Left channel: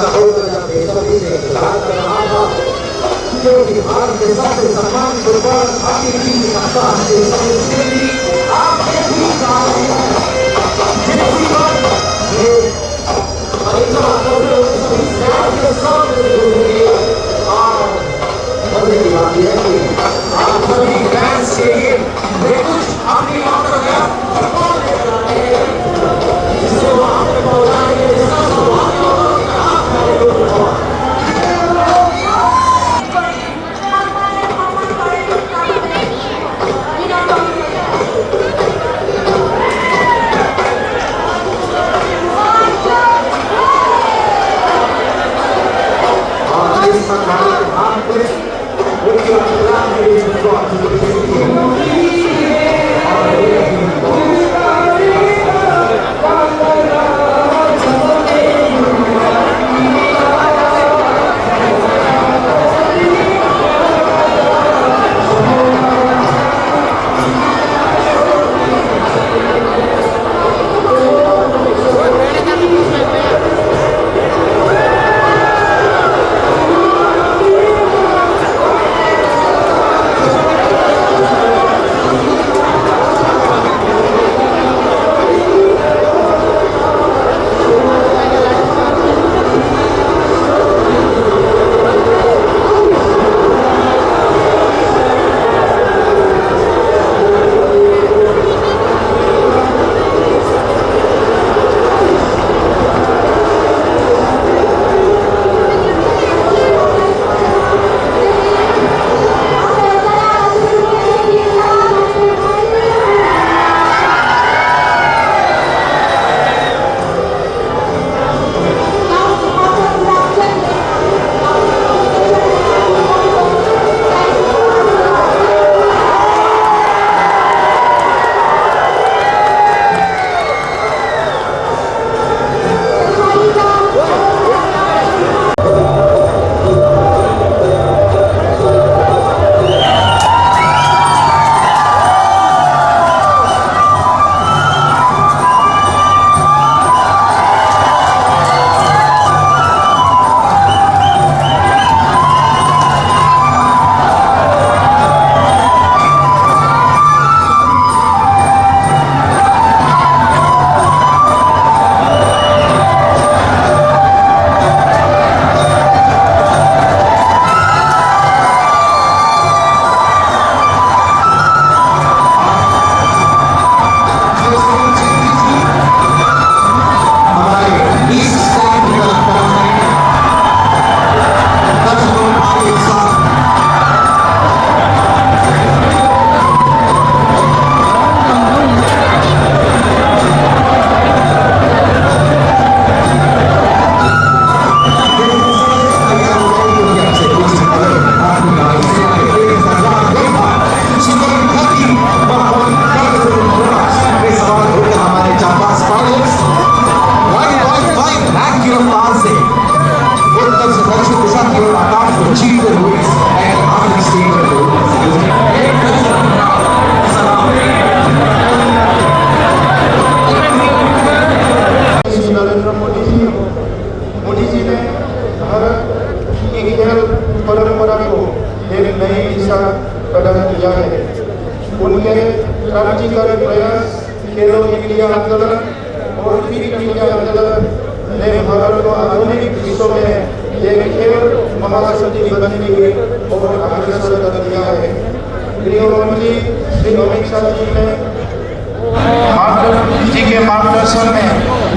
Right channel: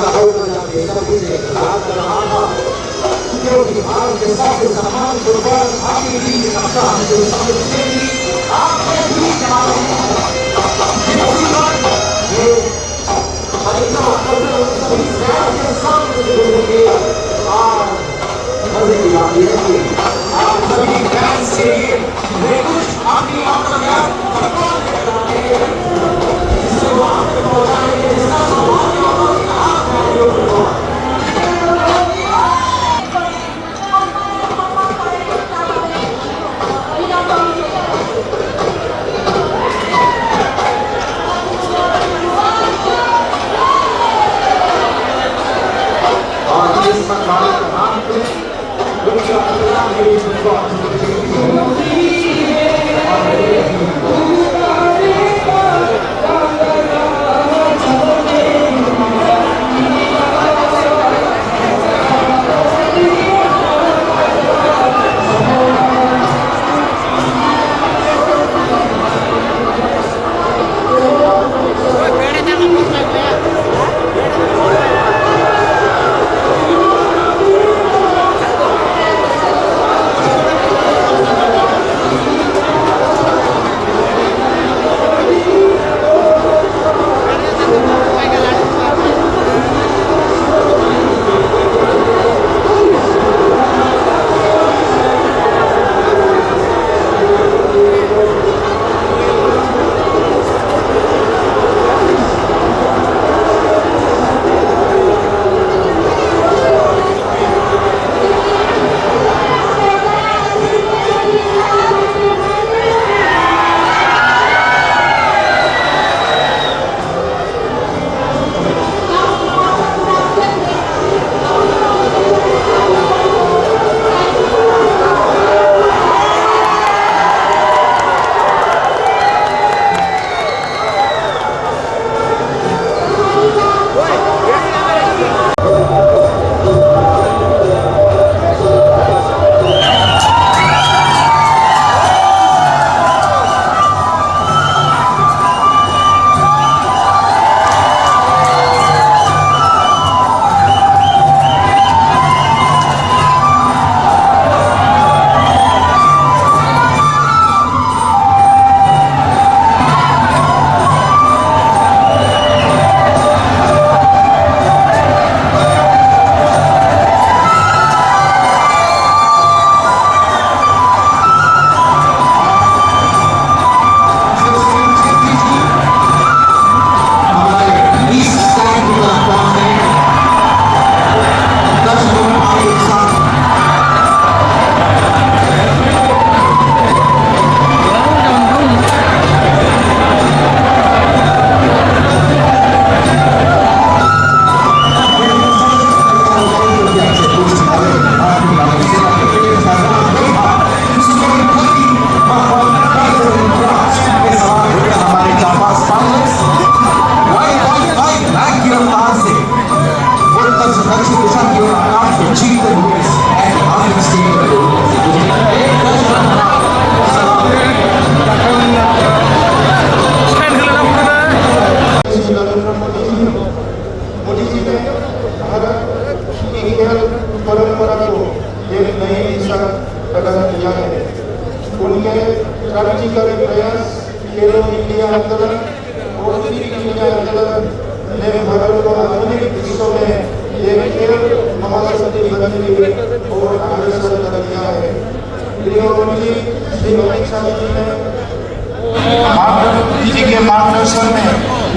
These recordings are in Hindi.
सहोदर बेसब्री से इंतजार कर रहा था, क्योंकि भारत के सबसे सम्मान गुरुवार आपकी टीम की सत्ता हमसे सबसे भी आपने भी कहा आप सभी फैंस के लिए मैं कुछ अपनी जिससे वो आपको पहुंचाएंगे परंपरा को एक नई दिशा प्रदान किया है। उनके क्रांतिकारी प्रयास खेलो इंडिया आंदोलन और फिट इंडिया आंदोलन ने भारत को आधुनिक विश्व में एक खेल महाशक्ति बनने और अग्रसर कर दिया है। गृहमंत्री श्री अमित शाह जी ने जी के मार्गदर्शन में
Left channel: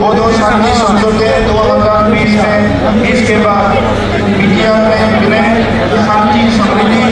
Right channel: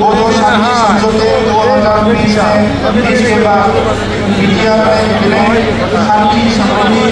बोडो शांति समझौते 2020 में इसके बाद इंडिया में विलय शांति समृद्धि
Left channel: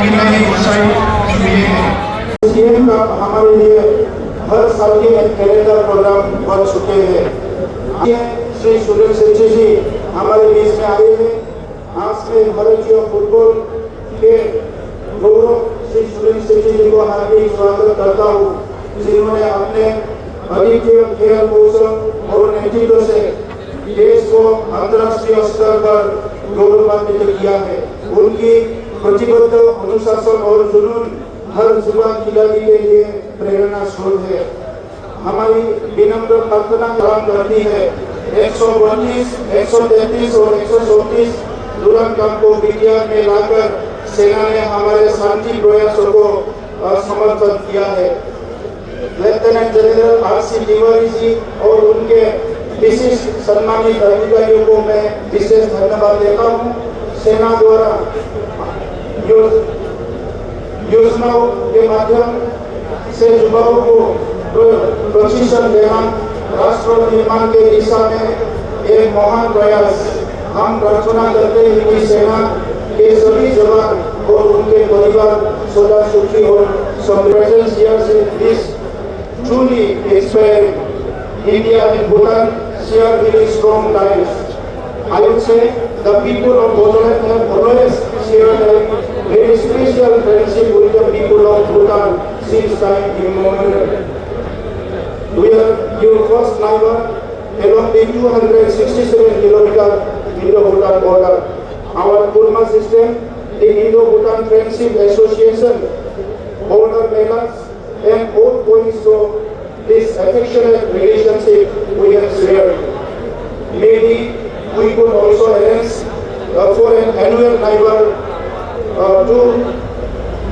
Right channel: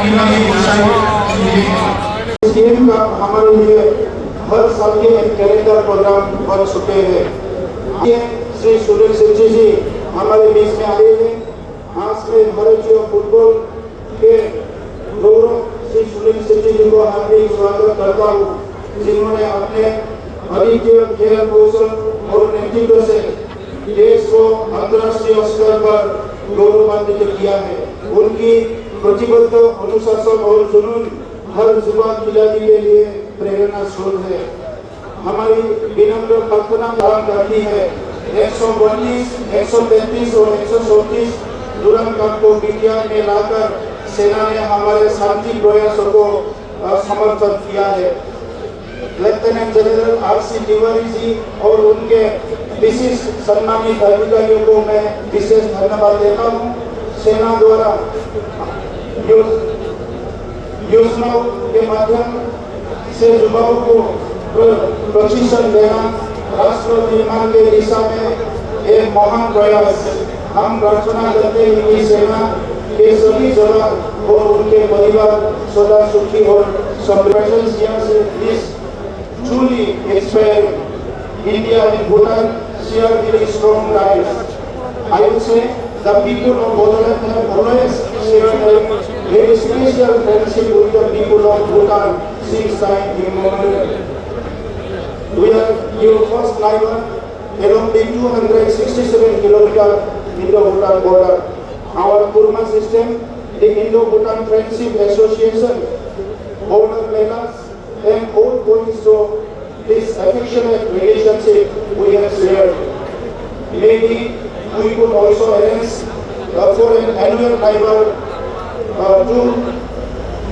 की नई ऊंचाई मिली है। इस गेम का हमारे लिए हर साल के एक कैलेंडर प्रोग्राम बन चुके हैं। श्री सुनील शेट्टी जी हमारे बीच में आए हैं। आज के भारतीय फुटबॉल के गौरव श्री सुनील शेट्टी जी को हार्दिक स्वागत करता हूँ, जिन्होंने अपने अद्वितीय खेल कौशल और नेतृत्व से देश को अंतर्राष्ट्रीय स्तर पर गौरवान्वित किया है। उनकी प्रतिबद्ध अनुशासन और जुनून हर युवा खिलाड़ी के लिए प्रेरणा स्रोत है। हमारी विनम्र प्रार्थना रहती है 132, 133 और 134 दुरंत को पीटीआर में लाकर सेना ने हमारे शांति प्रयासों को समर्थन किया है। Lieutenant general R C. Tiwari ji और उनके विशिष्ट सम्मानित अधिकारियों को मैं विशेष धन्यवाद देता हूँ। सेना द्वारा योजनाओं के माध्यम से युवाओं को प्रशिक्षण देना राष्ट्र निर्माण के दिशा में एक महान प्रयास। हम प्रार्थना करते हैं कि सेना के सभी जवान और उनके परिवार सदा सुखी और समृद्ध। Truly inspired India and Bhutan share very strong ties. I would say the people of Bodoland have always shared a very special friendship with the people of Bhutan since time immemorial. We are your first neighbor along the 267 kilometer Indo-Bhutan border. Our Kurma system, the Indo-Bhutan Friendship Association, border melas, and all points of this affectionate relationship we have shared. Maybe we could also arrange for an annual neighbor to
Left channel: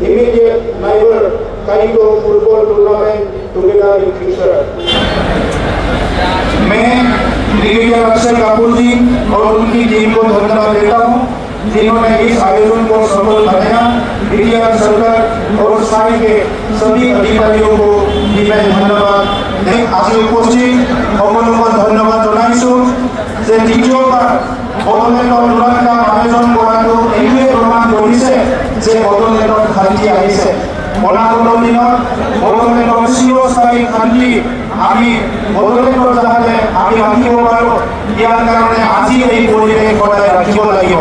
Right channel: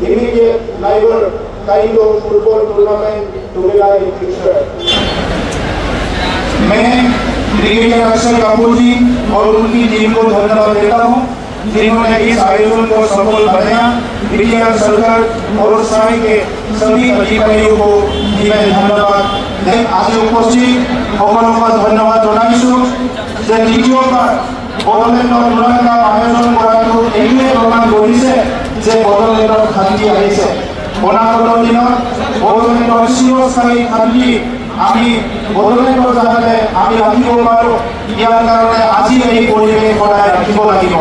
immediate neighbor kind of football tournament together in future. मैं ब्रिगेडियर अक्षर कपूर जी और उनकी टीम को धन्यवाद देता हूँ जिन्होंने इस आयोजन को सफल बनाया। ब्रिगेडियर सरकार और साई के सभी अधिकारियों को मैं धन्यवाद आज उपस्थित সকলকে ধন্যবাদ জনাইছো যে দ্বিতীয়বাৰ বড়োলেণ্ডৰ দুৰান্দাৰ আয়োজন কৰাটো এইটোৱে প্ৰমাণ কৰিছে যে বড়োলেণ্ডৰ শান্তি আহিছে। অনাগত দিনত বড়োলেণ্ডৰ চিৰস্থায়ী শান্তি আমি বড়োলেণ্ডৰ যাতে আমি ৰাখিব পাৰোঁ ইয়াৰ কাৰণে আজি এই পৰিৱেশ বজাই ৰাখিব লাগিব।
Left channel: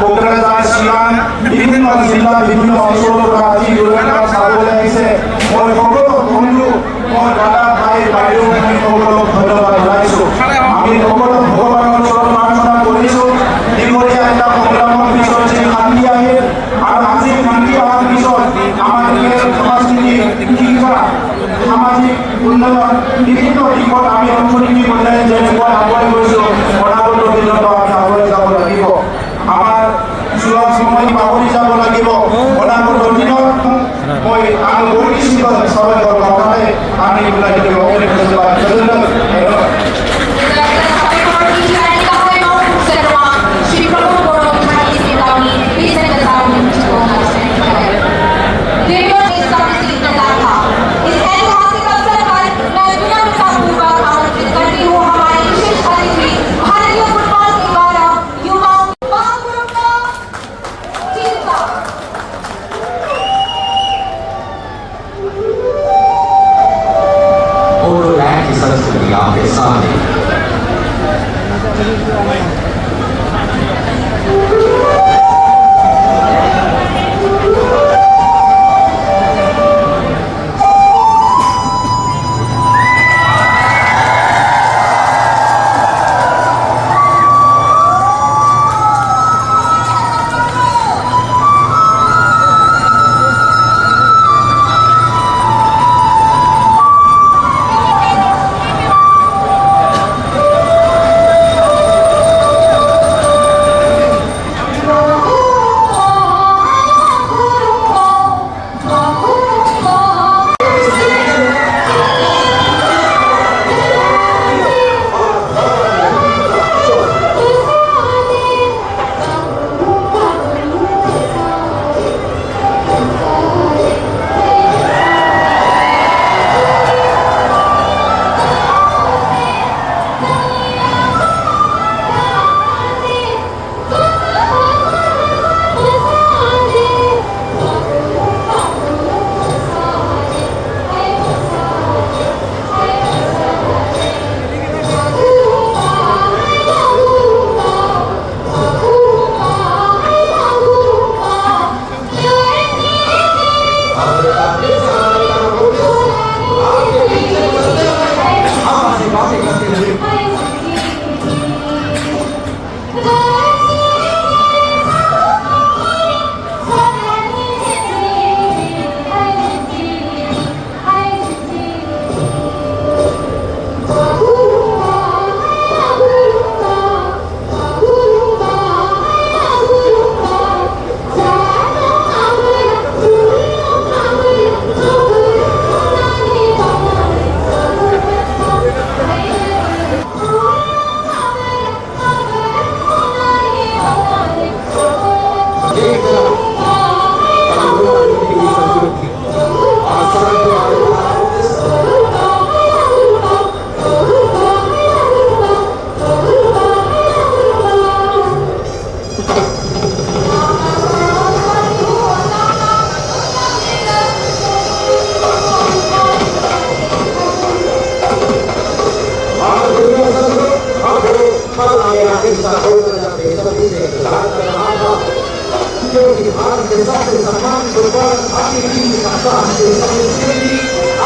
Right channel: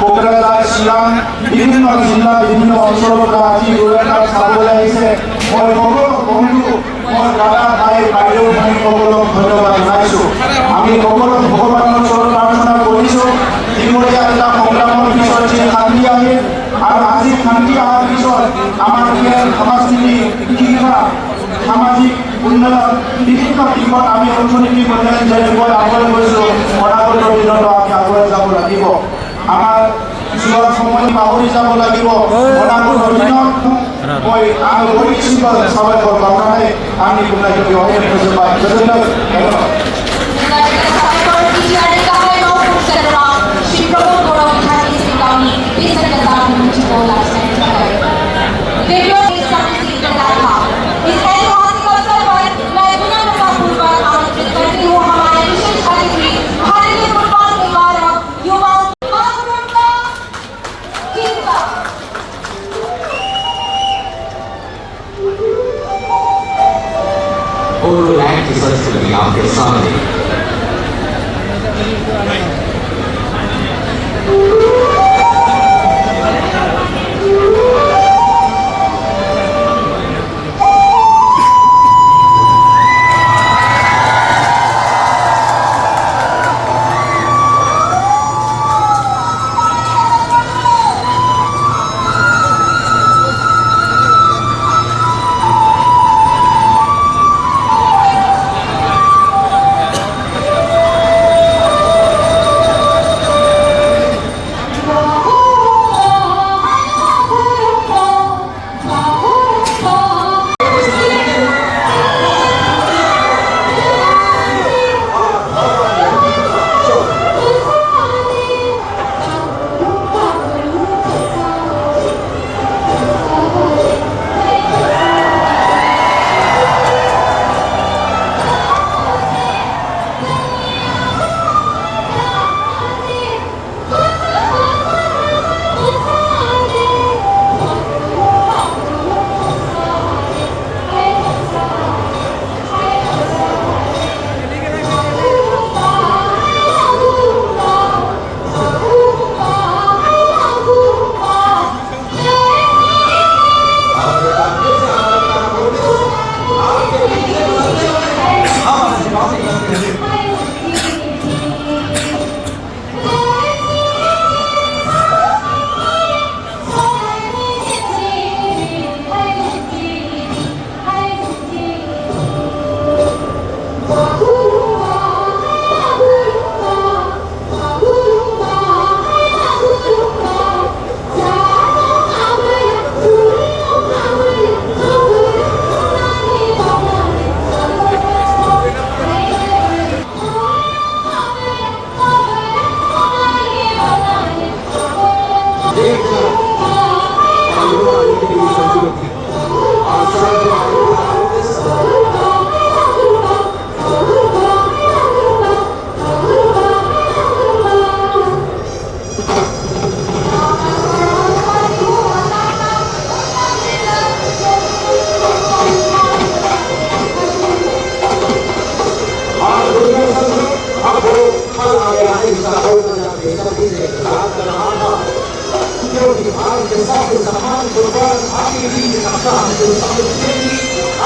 কোকৰাঝাৰ চিৰাং বিভিন্ন জিলা বিভিন্ন অঞ্চলৰ পৰা আজি দুৰান্দাৰ চাবলৈ আহিছে। মই সকলো বন্ধু মই দাদা ভাই বাইদেউ সকলক ধন্যবাদ জনাইছোঁ। আমি সকলো ভগৱানৰ ওচৰত প্ৰাৰ্থনা কৰিছোঁ দিনৰীয়া এটা কল্যাণৰ পিছত যে শান্তি আহে আৰু আজি শান্তি অহাৰ পিছত আমাৰ সমাজনীতি শিক্ষা সামাজিক উন্নয়ন বিভিন্ন দিশত আমি অৰ্থনীতি বজাই যেনেকুৱা আগুৱাই গৈছোঁ অনাগত দিনত আমি আগুৱাই যাব লাগিব। আমাৰ যোৱা সময় পাহৰি যাব লাগিব। অনাগত দিনত মই আন পৰিচিত সবাই কাৰণে আমি ওলাই দিব Bodoland की संस्कृति आपके सामने। आगे आगे इसका होता जाके सभी से इंतजार कर रहा था जो कि भारत के सबसे सम्मान स्वरूप भारतीय टीम का हमको सबसे